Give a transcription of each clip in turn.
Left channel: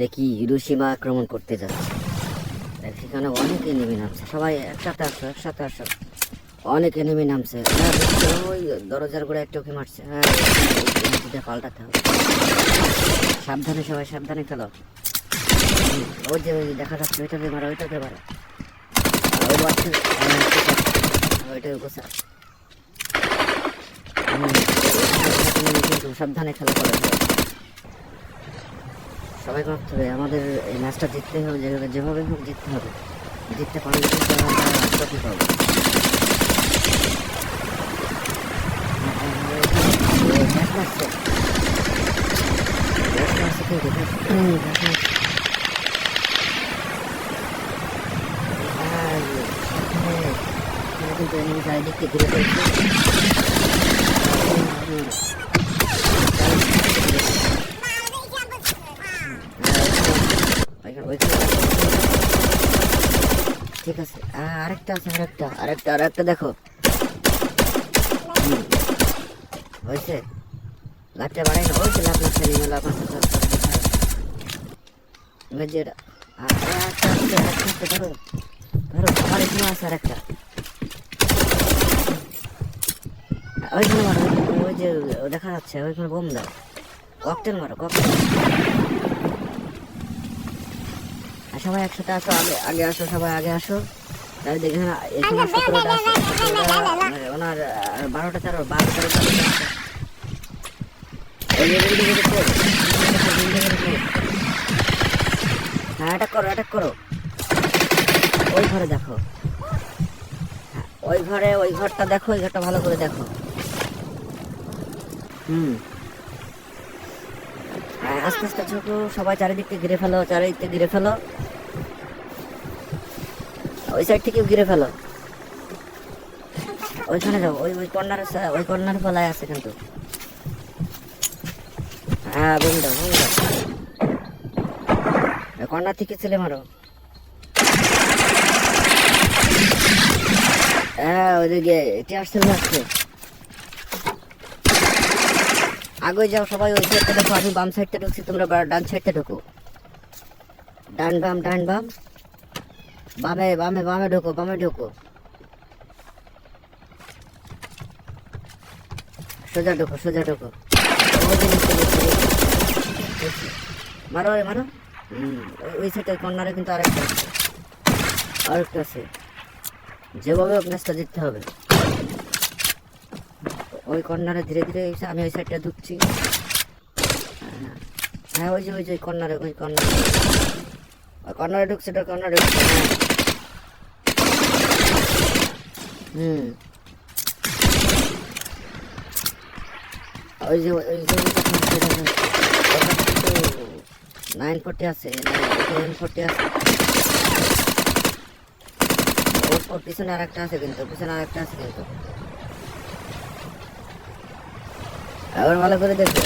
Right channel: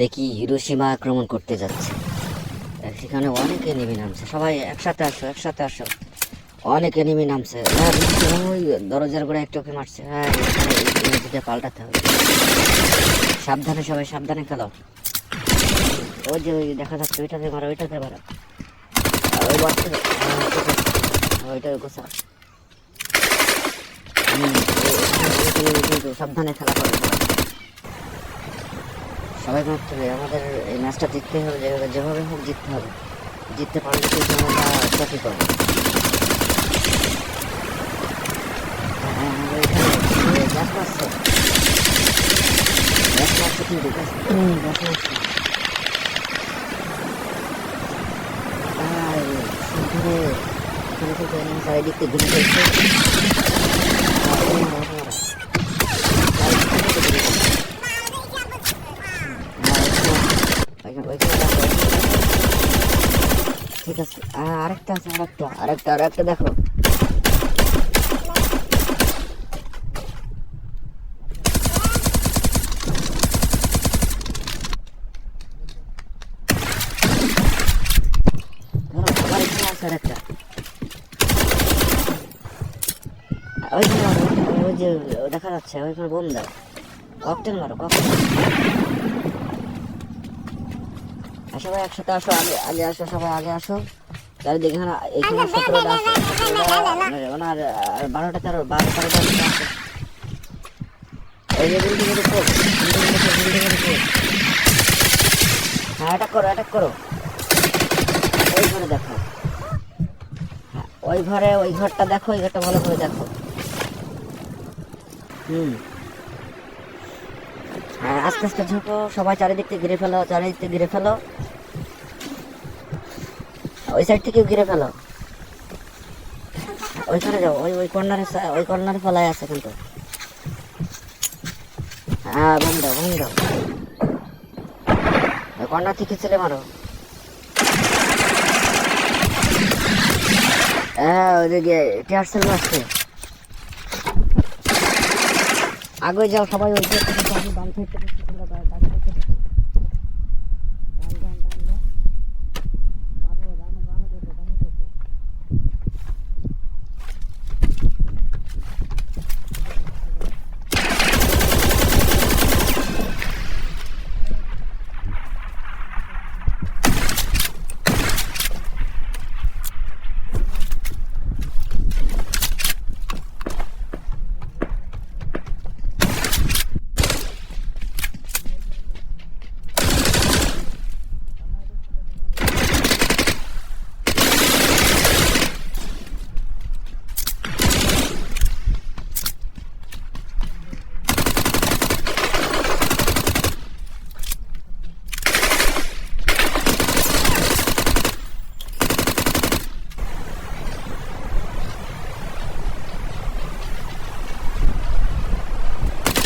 দেখি হিরোশিমা আক্রমণ করতে যাচ্ছে। সেখানে অনেক এনিমি নামছে, সবাই একসাথে আসো। অনেক এনিমি নামছে। ওই দরজার গোড়ায় একটাকে মারছে। হ্যাঁ, পাল্টাতে হবে। সাবধানে, সবাই সাবধানে খেলো। ওই যে ওই দেখা যাচ্ছে, ওইটাতে মারো। ওইটার গোছা। সাবধানে খেলা করো, সবাই মারতে হবে। আমাদের এই ম্যাচটা জিততে হবে, যেভাবে হোক জিততে হবে। জিততে পারলে ট্রফি পাবো। চারিদিকে ঘুরে ফেলছে। ঠিক আছে, আরেকটা আছে, আরেকটা দেখো হয়েছে। লাঠটা বাড়াই না, হয়েছে লাভ নিয়ে লাভ যেটা আছে। আরেকটা ওই যে দেখা যাচ্ছে, ওইখানে বোম দাও। ককটেল মারো, সবাই একসাথে আসো। আগে আসো, সবাই আগে আসো। তাহলে দেখে ওনার 12টা 13 হ্যাঁ, অ্যাটাক করো। ওই ঘরে দেখো, ওই ঘরটা দেখো, ওই ঘরটা ভালো করে দেখো। আস্তে আস্তে ঝোঁকো, সবাই চারিদিককে ঘিরে ফেলো। ওই সাইড থেকেও ঘিরে ফেলো। ওইখানে যাও, ওই কর্নারে ফেলায় আছে কিন্তু। হ্যাঁ, বোম দাও। ওই কর্নার থেকে চলে মারো। হ্যাঁ, ওইদিকে আসছে। আগে যাও সবাই, ওই সাইডটা ঢুকো। আমি বাম সাইডটা ঢুকছি, তোমরা ডান সাইডটা ঢুকো। ডান বাম বামে ঢুকো। সোজা ঢুকো। মারো। ওই সাইডে কর্নারে কিন্তু আরেকটা আছে। যেভাবে ম্যাচটা জিততে হবে। ওই কর্নারে ধীরে আমি ওই সাইডটা ঢুকছি। হ্যাঁ, ওই যে কর্নারে ঢুকছে। ওই যে 940 আছে। পিছনে আরেকটা আছে কিন্তু, আবার ভালো করে দেখো।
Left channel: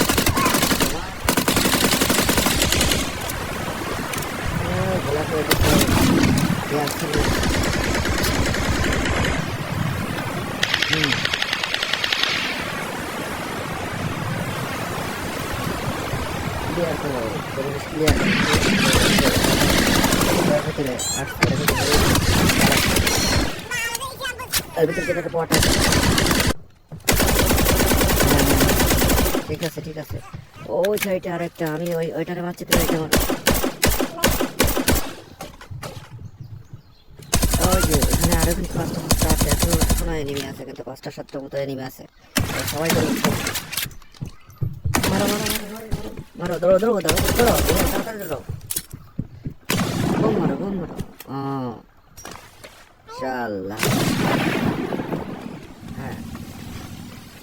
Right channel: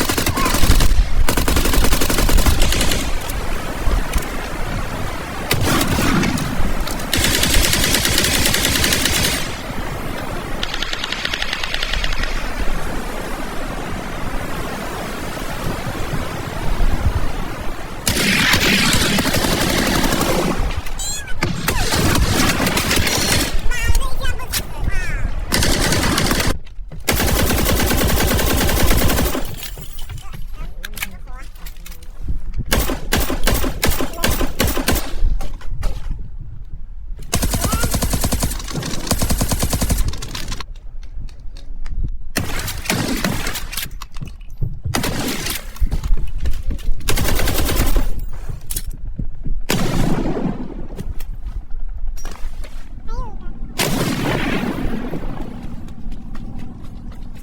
ঠিক আছে। ওই সাইডে আরেকটা, আমি ওইটারে মারছি। কিন্তু 5টা-7টা মতো এনিমি আছে। সবাই মারো, দৌড়ো। হ্যাঁ,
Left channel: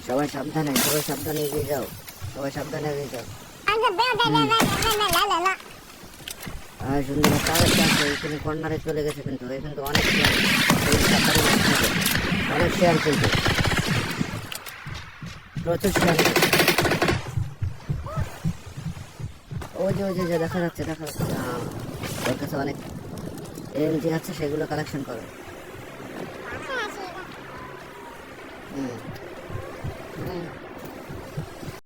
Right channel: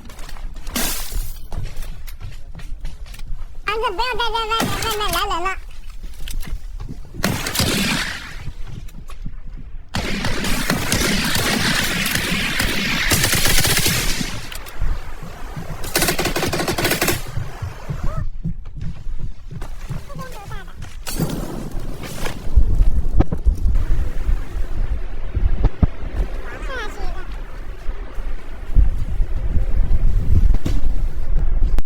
সবাই সাবধানে এগিয়ে যাও। কর্নারে চলে গেছে কিন্তু অনেক শেয়ার করছে। ওই যে দেখা যাচ্ছে অনেক আছে, সেগুলো কালেকশন করো।